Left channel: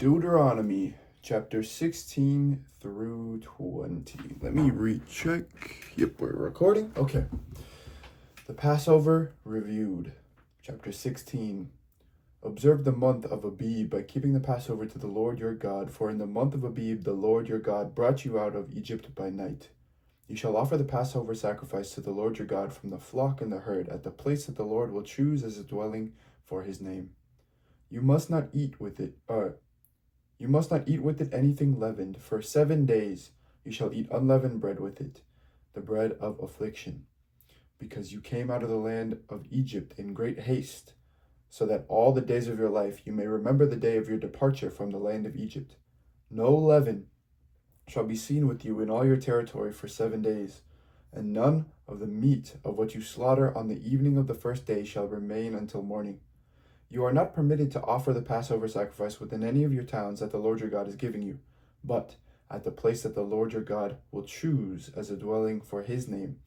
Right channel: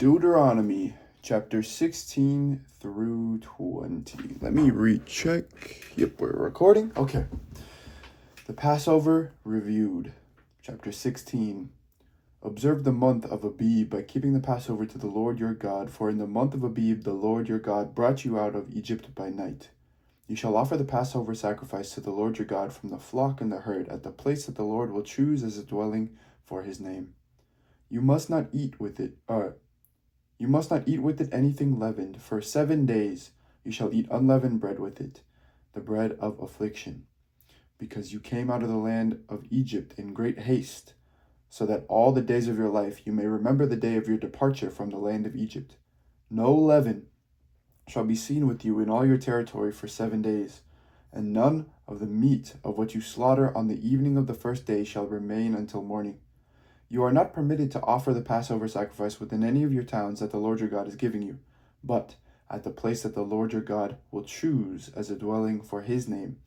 Deuteronomy chapter 16 through 20. Let me recheck. Yep, we're recording. Okay. The Passover reviewed. Chapter 16. Observe the month of Abib by keeping the Passover to the Lord your God, for in the month of Abib the Lord your God brought you out of Egypt by night. You shall offer the Passover sacrifice to the Lord your God from the flock and the herd at the place that the Lord will choose as a dwelling for his name. You must not eat with it anything leavened. For 7 days you shall eat unleavened bread with it, the bread of affliction, because you came out of the land of Egypt in great haste, so that all the days of your life you may remember the day of your departure from the land of Egypt. No leaven shall be seen with you in all your territory for 7 days, and none of the meat of what you slaughter on the evening of the first day shall remain until morning. You are not permitted to offer the Passover sacrifice within any of your towns that the Lord your God is giving you, but at the place that the Lord your God will choose as a dwelling for his name.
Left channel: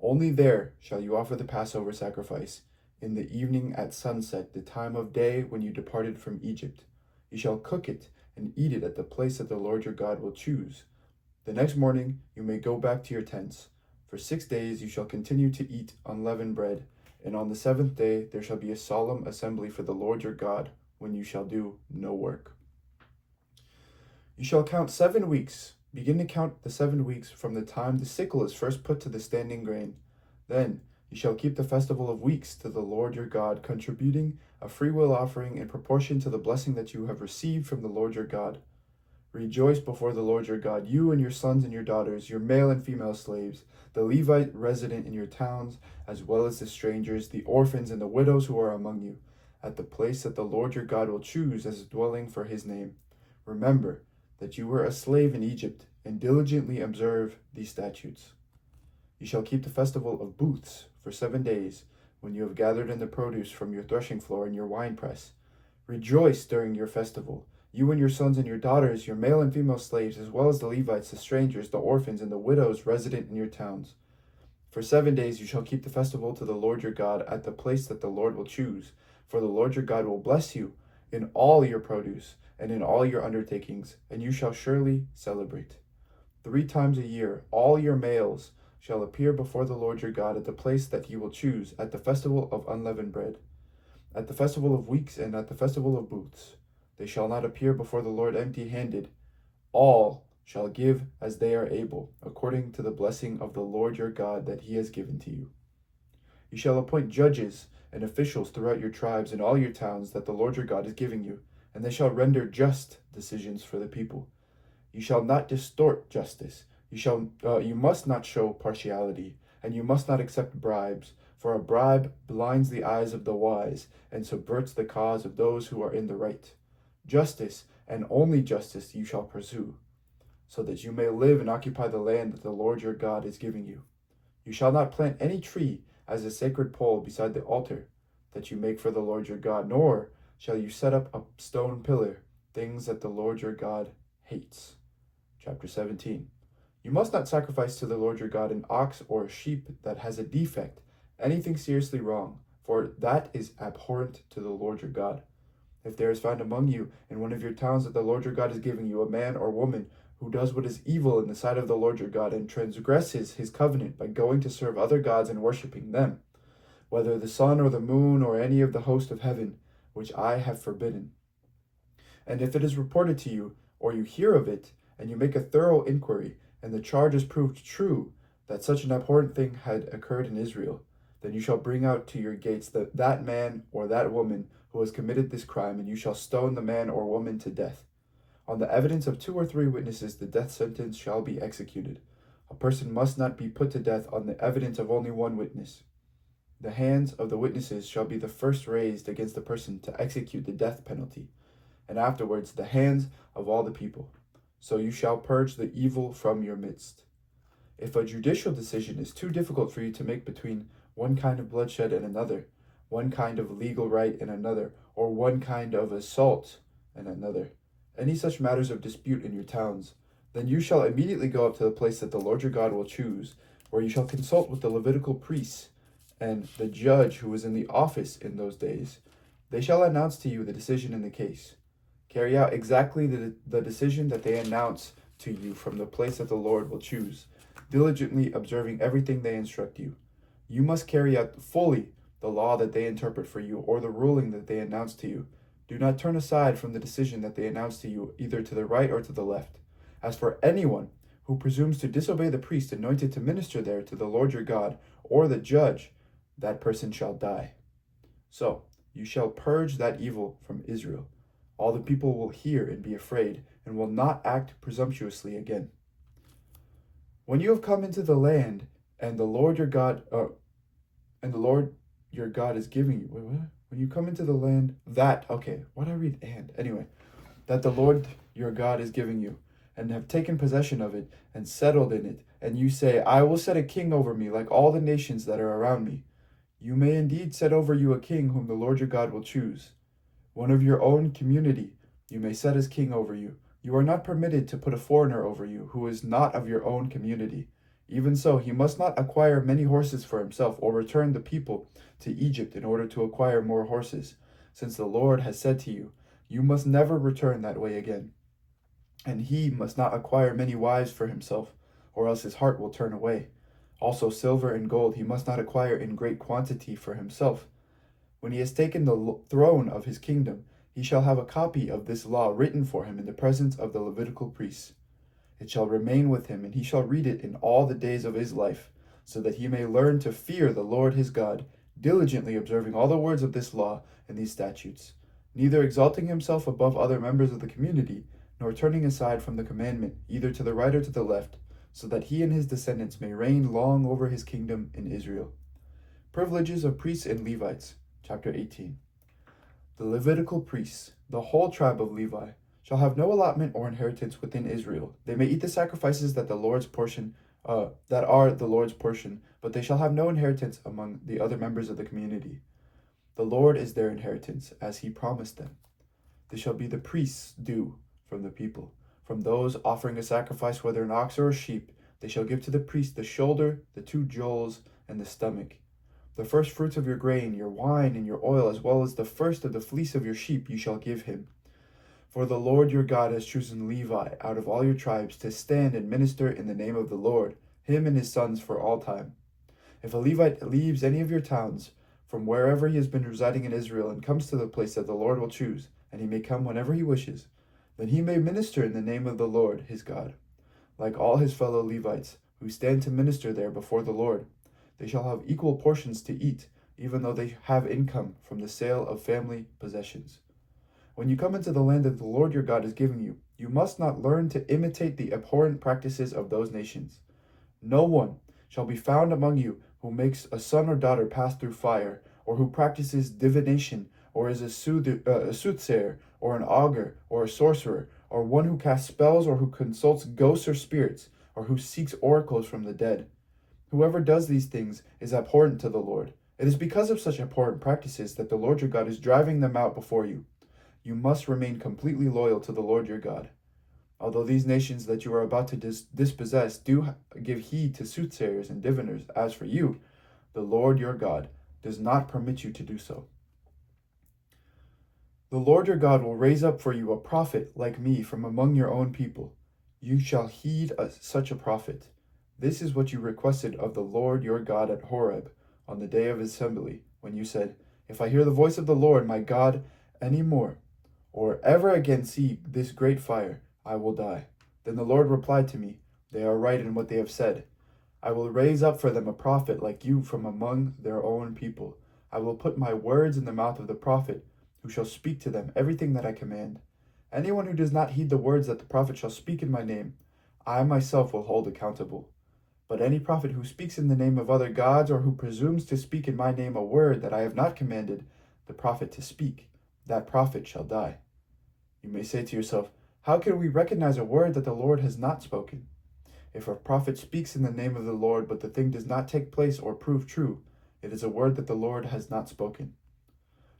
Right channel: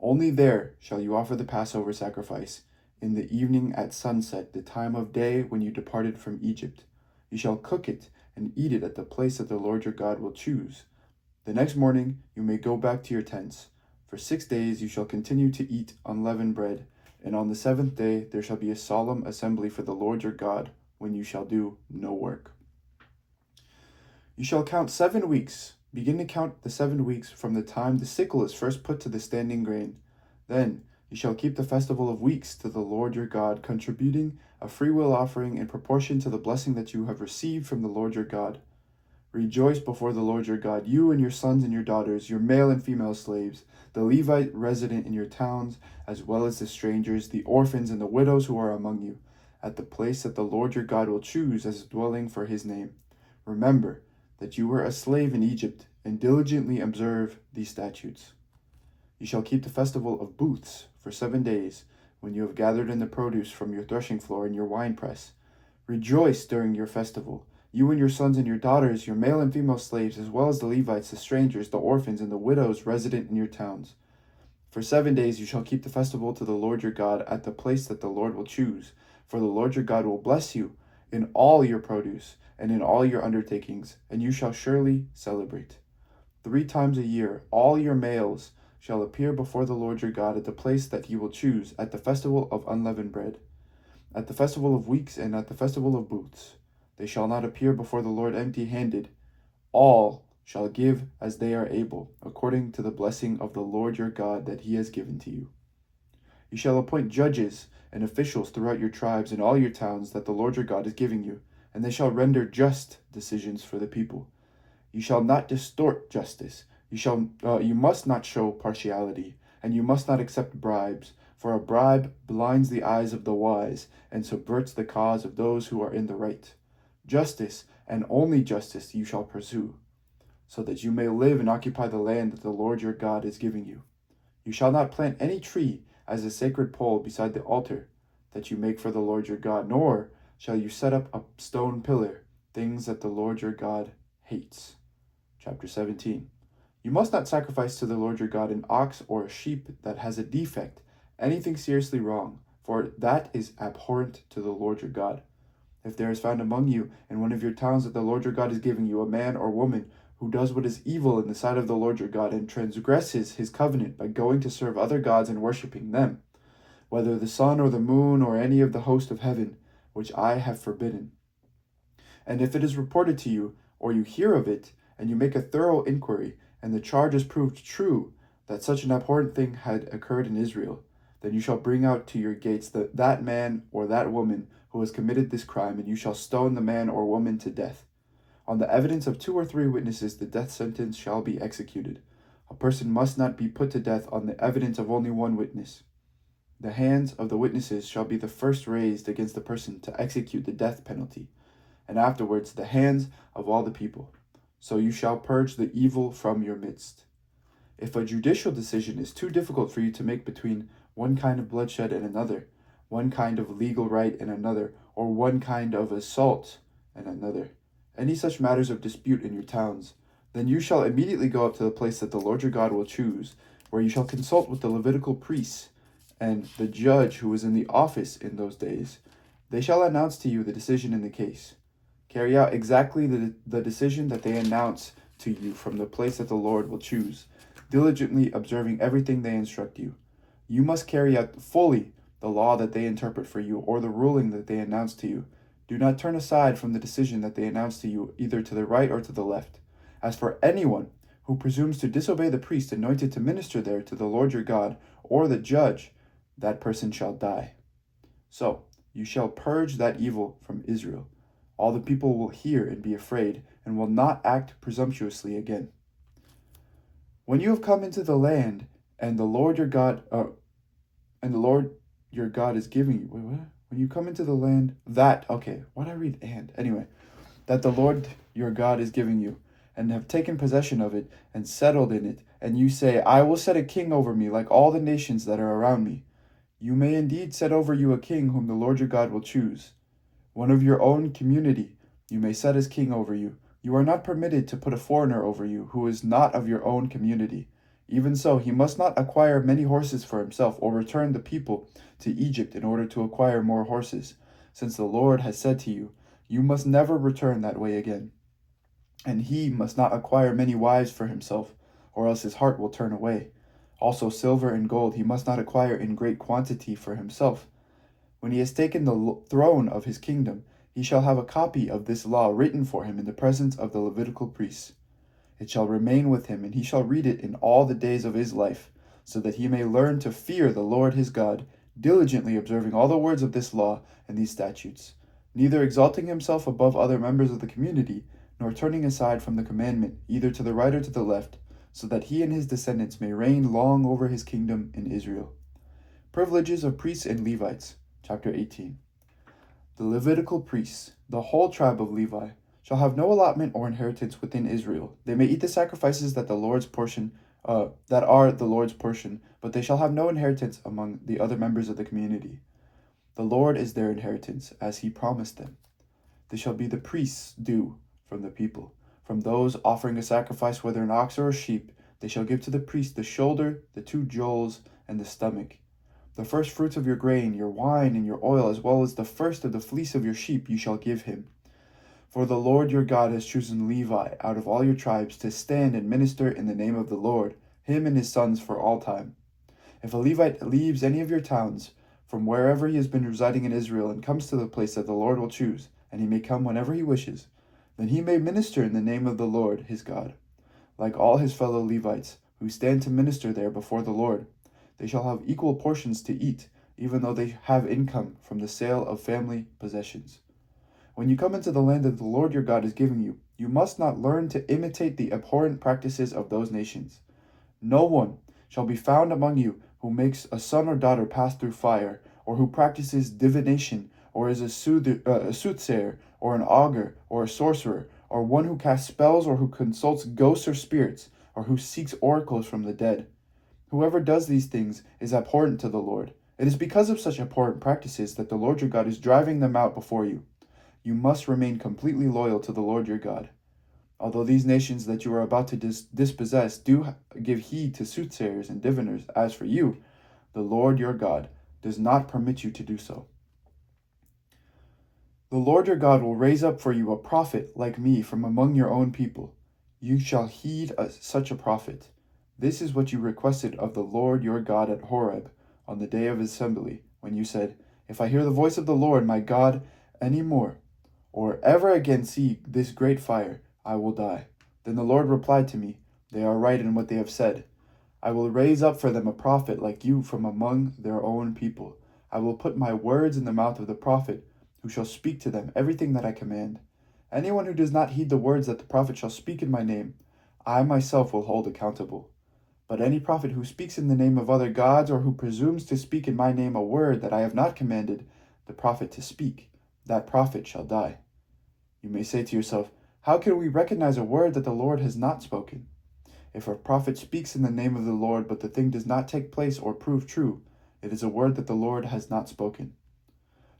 Only there shall you offer the Passover sacrifice, in the evening at sunset, the time of day when you departed from Egypt. You shall cook it and eat it at the place that the Lord your God will choose. The next morning you may go back to your tents. For 6 days you shall continue to eat unleavened bread, and on the 7th day there shall be a solemn assembly for the Lord your God, when you shall do no work. You shall count 7 weeks. Begin to count the 7 weeks from the time the sickle is first put to the standing grain. Then you shall keep the festival of weeks to the Lord your God, contributing a freewill offering in proportion to the blessing that you have received from the Lord your God. Rejoice before the Lord your God, you and your sons and your daughters, your male and female slaves, the Levite resident in your towns, as well as the strangers, the orphans, and the widows who are among you, at the place that the Lord your God will choose as a dwelling for his name. Remember that you were a slave in Egypt, and diligently observe these statutes. You shall keep the festival of booths for 7 days, when you have gathered in the produce from your threshing floor and your winepress. Rejoice during your festival, you and your sons and your daughters, your male and female slaves, as well as the Levites, the strangers, the orphans, and the widows resident in your towns. For 7 days you shall keep the festival to the Lord your God at the place that the Lord will choose, for the Lord your God will bless you in all your produce and in all your undertakings, and you shall surely celebrate. 3 times a year all your males shall appear before the Lord your God at the place that he will choose, at the festival of unleavened bread, at the festival of weeks, and at the festival of booths. They shall not appear before the Lord empty-handed. All shall give as they are able, according to the blessing of the Lord your God that he has given to you. You shall appoint judges and officials throughout your tribes and all your towns that the Lord your God is giving you, and they shall render just decisions for the people. You shall not distort justice. You must not show partiality, and you must not accept bribes, for a bribe blinds the eyes of the wise and subverts the cause of those who are in the right. Justice, and only justice, you shall pursue, so that you may live and occupy the land that the Lord your God is giving you. You shall not plant any tree as a sacred pole beside the altar that you make for the Lord your God, nor shall you set up a stone pillar, things that the Lord your God hates. Chapter 17. You must not sacrifice to the Lord your God an ox or a sheep that has a defect, anything seriously wrong, for that is abhorrent to the Lord your God. If there is found among you in one of your towns that the Lord your God is giving you a man or woman who does what is evil in the sight of the Lord your God and transgresses his covenant by going to serve other gods and worshiping them, whether the sun or the moon or any of the host of heaven, which I have forbidden. And if it is reported to you, or you hear of it, and you make a thorough inquiry, and the charge is proved true that such an abhorrent thing had occurred in Israel, then you shall bring out to your gates that man or that woman who has committed this crime, and you shall stone the man or woman to death. On the evidence of 2 or 3 witnesses, the death sentence shall be executed. A person must not be put to death on the evidence of only 1 witness. The hands of the witnesses shall be the first raised against the person to execute the death penalty, and afterwards the hands of all the people. So you shall purge the evil from your midst. If a judicial decision is too difficult for you to make between one kind of bloodshed and another, one kind of legal right and another, or one kind of assault and another, any such matters of dispute in your towns, then you shall immediately go up to the place that the Lord your God will choose, where you shall consult with the Levitical priests and the judge who is in the office in those days. They shall announce to you the decision in the case. Carry out exactly the decision that they announce to you from the place that the Lord will choose, diligently observing everything they instruct you. You must carry out fully the law that they interpret for you, or the ruling that they announce to you. Do not turn aside from the decision that they announce to you, either to the right or to the left. As for anyone who presumes to disobey the priest anointed to minister there to the Lord your God, or the judge, that person shall die. So you shall purge that evil from Israel. All the people will hear and be afraid, and will not act presumptuously again. When you have come into the land, and the Lord your God is giving you. Wait, what? When you come into the land that, okay, why did I read and? Anyway, that the Lord your God is giving you, and have taken possession of it, and settled in it, and you say, I will set a king over me, like all the nations that are around me. You may indeed set over you a king whom the Lord your God will choose. One of your own community you may set as king over you. You are not permitted to put a foreigner over you, who is not of your own community. Even so, he must not acquire many horses for himself, or return the people to Egypt in order to acquire more horses, since the Lord has said to you, you must never return that way again. And he must not acquire many wives for himself, or else his heart will turn away. Also silver and gold he must not acquire in great quantity for himself. When he has taken the throne of his kingdom, he shall have a copy of this law written for him in the presence of the Levitical priests. It shall remain with him, and he shall read it in all the days of his life, so that he may learn to fear the Lord his God, diligently observing all the words of this law and these statutes, neither exalting himself above other members of the community, nor turning aside from the commandment, either to the right or to the left, so that he and his descendants may reign long over his kingdom in Israel. Privileges of priests and Levites. Chapter 18. The Levitical priests, the whole tribe of Levi, shall have no allotment or inheritance within Israel. They may eat the sacrifices that are the Lord's portion, but they shall have no inheritance among the other members of the community. The Lord is their inheritance, as he promised them. They shall be the priests' due from the people. From those offering a sacrifice, whether an ox or a sheep, they shall give to the priest the shoulder, the 2 jewels, and the stomach. The first fruits of your grain, your wine, and your oil, as well as the first of the fleece of your sheep, you shall give him. For the Lord your God has chosen Levi out of all your tribes to stand and minister in the name of the Lord, him and his sons for all time. If a Levite leaves any of your towns, from wherever he has been residing in Israel, and comes to the place that the Lord will choose, and he may come whenever he wishes, then he may minister in the name of the Lord his God. Like all his fellow Levites, who stand to minister there before the Lord, they shall have equal portions to eat, even though they have income from the sale of family possessions. When you come into the land that the Lord your God is giving you, you must not learn to imitate the abhorrent practices of those nations. No one shall be found among you who makes a son or daughter pass through fire, or who practices divination, or is a soothsayer, or an augur, or a sorcerer, or one who casts spells, or who consults ghosts or spirits, or who seeks oracles from the dead. Whoever does these things is abhorrent to the Lord. It is because of such abhorrent practices that the Lord your God is driving them out before you. You must remain completely loyal to the Lord your God. Although these nations that you are about to dispossess do give heed to soothsayers and diviners, as for you, the Lord your God does not permit you to do so. The Lord your God will raise up for you a prophet like me from among your own people. You shall heed such a prophet. This is what you requested of the Lord your God at Horeb on the day of assembly, when you said, If I hear the voice of the Lord my God any more, or ever again see this great fire, I will die. Then the Lord replied to me, They are right in what they have said. I will raise up for them a prophet like you from among their own people. I will put my words in the mouth of the prophet, who shall speak to them everything that I command. Anyone who does not heed the words that the prophet shall speak in my name, I myself will hold accountable. But any prophet who speaks in the name of other gods, or who presumes to speak in my name a word that I have not commanded the prophet to speak, that prophet shall die. You may say to yourself, How can we recognize a word that the Lord has not spoken? If a prophet speaks in the name of the Lord, but the thing does not take place or prove true, it is a word that the Lord has not spoken.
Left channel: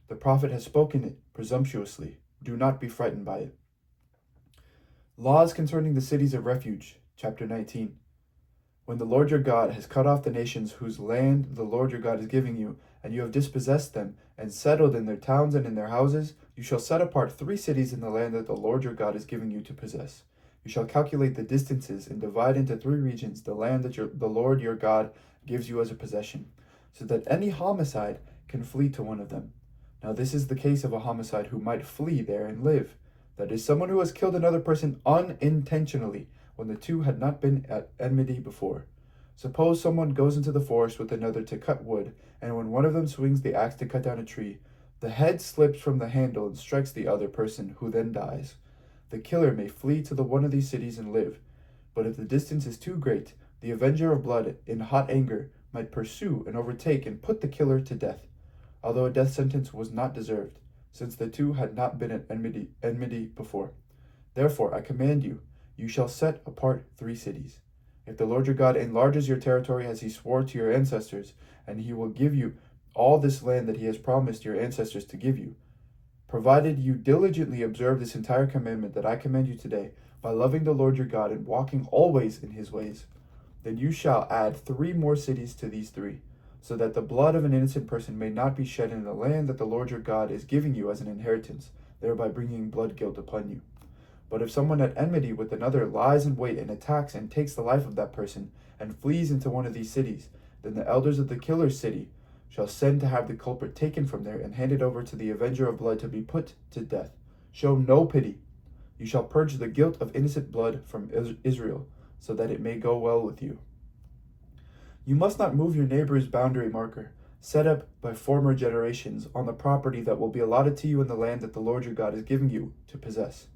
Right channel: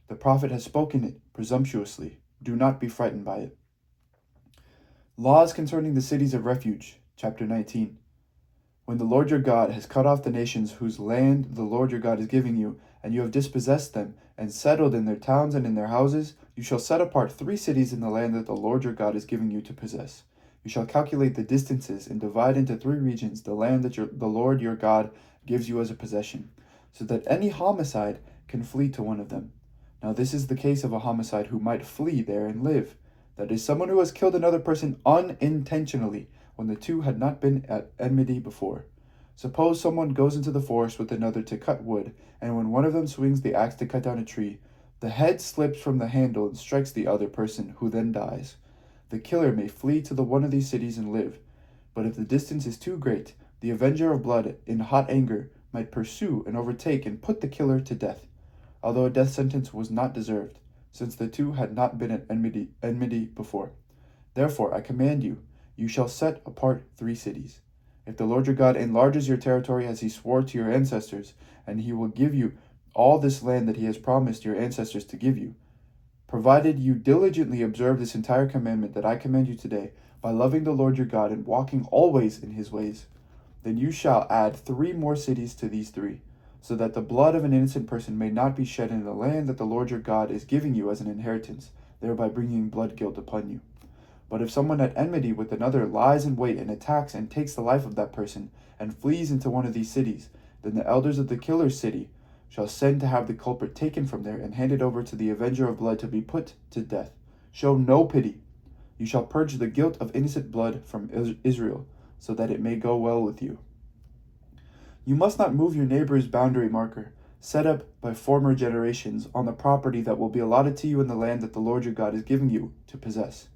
The prophet has spoken it presumptuously. Do not be frightened by it. Laws concerning the cities of refuge, chapter 19. When the Lord your God has cut off the nations whose land the Lord your God is giving you, and you have dispossessed them, and settled in their towns and in their houses, You shall set apart 3 cities in the land that the Lord your God is giving you to possess. You shall calculate the distances and divide into 3 regions the land that the Lord your God gives you as a possession, so that any homicide can flee to one of them. Now this is the case of a homicide who might flee there and live. That is, someone who has killed another person unintentionally, when the two had not been at enmity before. Suppose someone goes into the forest with another to cut wood, and when one of them swings the axe to cut down a tree, the head slips from the handle and strikes the other person, who then dies. The killer may flee to one of these cities and live, but if the distance is too great, the avenger of blood, in hot anger, might pursue and overtake and put the killer to death, although a death sentence was not deserved, since the two had not been at enmity before. Therefore, I command you, you shall set apart 3 cities. If the Lord your God enlarges your territory as he swore to your ancestors, and he will give you all this land that he has promised your ancestors to give you, provided you diligently observe this entire commandment that I command you today, by loving the Lord your God and walking always in his ways, then you shall add 3 more cities to these 3, so that the blood of an innocent person may not be shed in the land that the Lord your God is giving you as an inheritance, thereby bringing blood guilt upon you. But if someone at enmity with another lies in wait and attacks and takes the life of that person, and flees into one of these cities, then the elders of the killer's city shall send to have the culprit taken from there and handed over to the avenger of blood to be put to death. Show no pity. You shall purge the guilt of innocent blood from Israel, so that it may go well with you. You must not move your neighbor's boundary marker, set up by former generations, on the property that will be allotted to you in the land that the Lord your God is giving you to possess.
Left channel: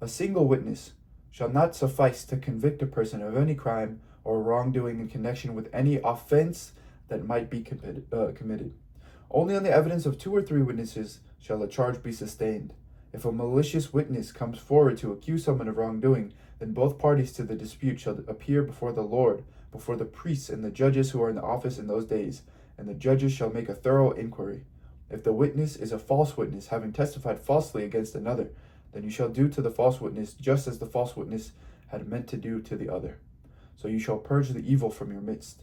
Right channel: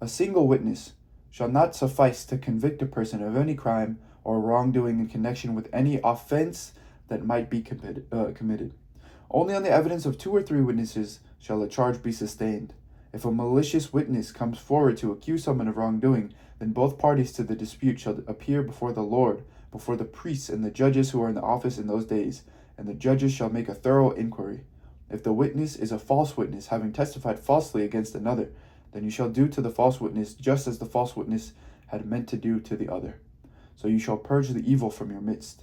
A single witness shall not suffice to convict a person of any crime or wrongdoing in connection with any offense that might be committed. Only on the evidence of 2 or 3 witnesses shall a charge be sustained. If a malicious witness comes forward to accuse someone of wrongdoing, then both parties to the dispute shall appear before the Lord, before the priests and the judges who are in the office in those days, and the judges shall make a thorough inquiry. If the witness is a false witness, having testified falsely against another, then you shall do to the false witness just as the false witness had meant to do to the other. So you shall purge the evil from your midst.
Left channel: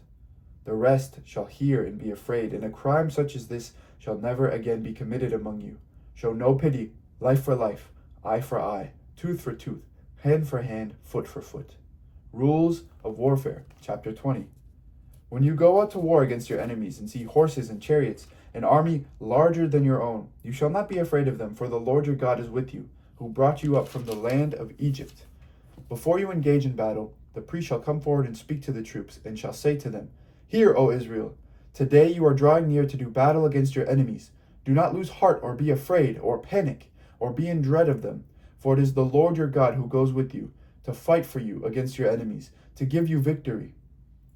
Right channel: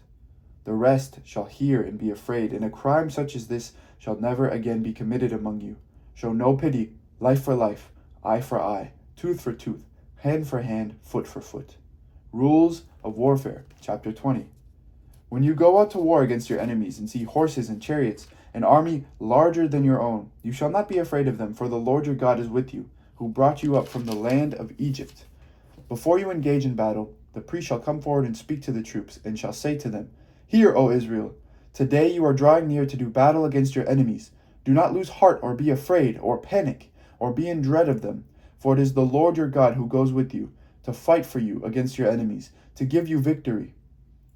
The rest shall hear and be afraid, and a crime such as this shall never again be committed among you. Show no pity, life for life, eye for eye, tooth for tooth, hand for hand, foot for foot. Rules of Warfare, Chapter 20. When you go out to war against your enemies and see horses and chariots, an army larger than your own, you shall not be afraid of them, for the Lord your God is with you, who brought you up from the land of Egypt. Before you engage in battle, the priest shall come forward and speak to the troops, and shall say to them, Hear, O Israel, today you are drawing near to do battle against your enemies. Do not lose heart or be afraid or panic or be in dread of them, for it is the Lord your God who goes with you to fight for you against your enemies, to give you victory.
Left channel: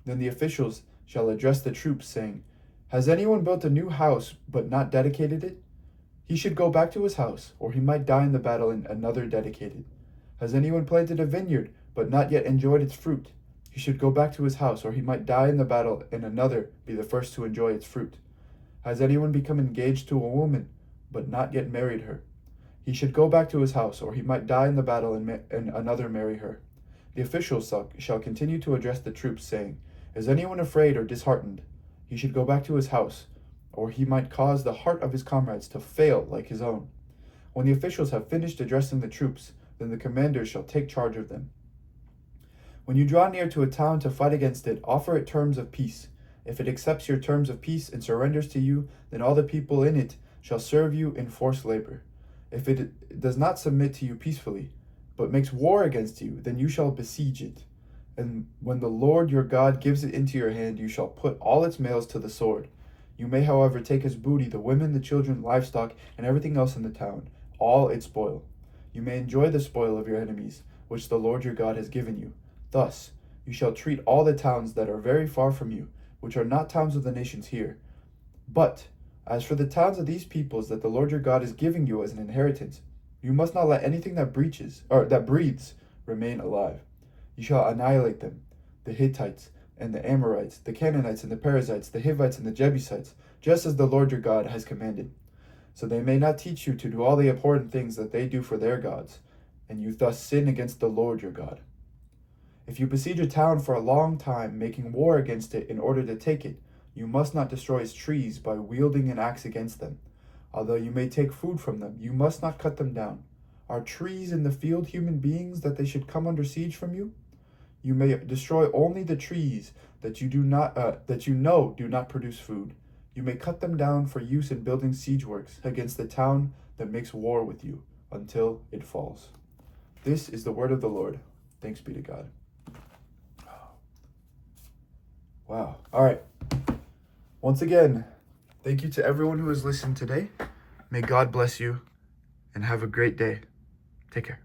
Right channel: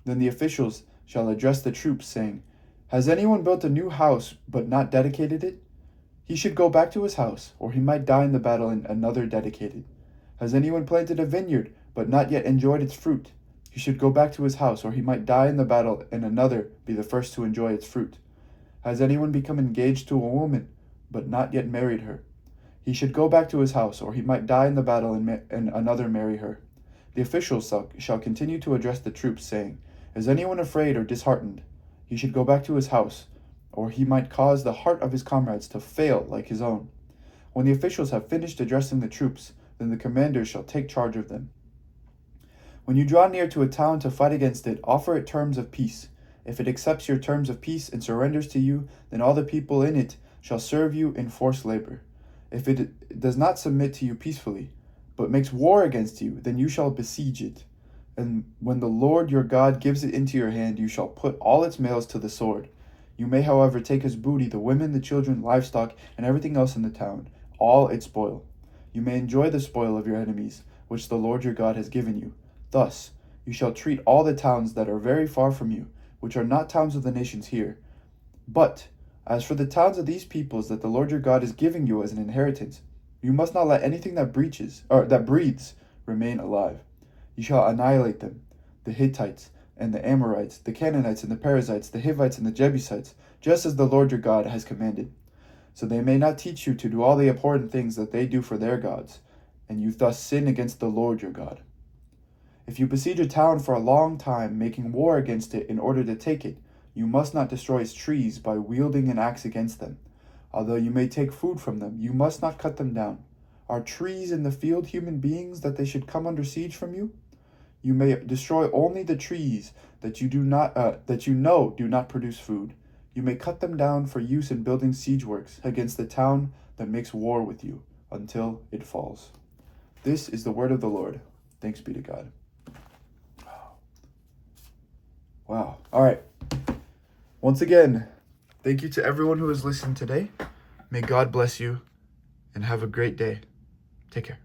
Then the officials shall address the troops, saying, Has anyone built a new house but not dedicated it? He should go back to his house, or he might die in the battle and another dedicated. Has anyone planted a vineyard but not yet enjoyed its fruit? He should go back to his house, or he might die in the battle and another be the first to enjoy its fruit. Has anyone become engaged to a woman but not yet married her? He should go back to his house, or he might die in the battle and another marry her. The officials shall continue to address the troops, saying, Is anyone afraid or disheartened? He should go back to his house, or he might cause the heart of his comrades to fail like his own. When the officials have finished addressing the troops, then the commander shall take charge of them. When you draw near to a town to fight against it, offer it terms of peace. If it accepts your terms of peace and surrenders to you, then all the people in it shall serve you in forced labor. If it does not submit to you peacefully, but makes war against you, then you shall besiege it. And when the Lord your God gives it into your hand, you shall put all its males to the sword. You may, however, take as booty the women, the children, livestock, and everything else in the town, all its spoil. You may enjoy the spoil of your enemies, which the Lord your God has given you. Thus, you shall treat all the towns that are very far from you, which are not towns of the nations here. But, as for the towns of these peoples that the Lord your God is giving you as an inheritance, you must not let anything that breathes remain alive. You shall annihilate them, the Hittites and the Amorites, the Canaanites and the Perizzites, the Hivites and the Jebusites, just as the Lord your God has commanded, so they may not teach you to do all the abhorrent things that they do for their gods, and you thus sin against the Lord your God. If you besiege a town for a long time, making war against it in order to take it, you must not destroy its trees by wielding an axe against them. Although you may take food from them, you must not cut them down. Are trees in the field human beings that they should come under siege from you? You may destroy only the trees that you know do not produce food. You may cut them down for use in building siege works against the town that makes war with you until it falls. This is the word of the Lord. Thanks be to God. Wow. All right. Once again, thank you to everyone who has listened today. May God bless you and have a great day. Take care.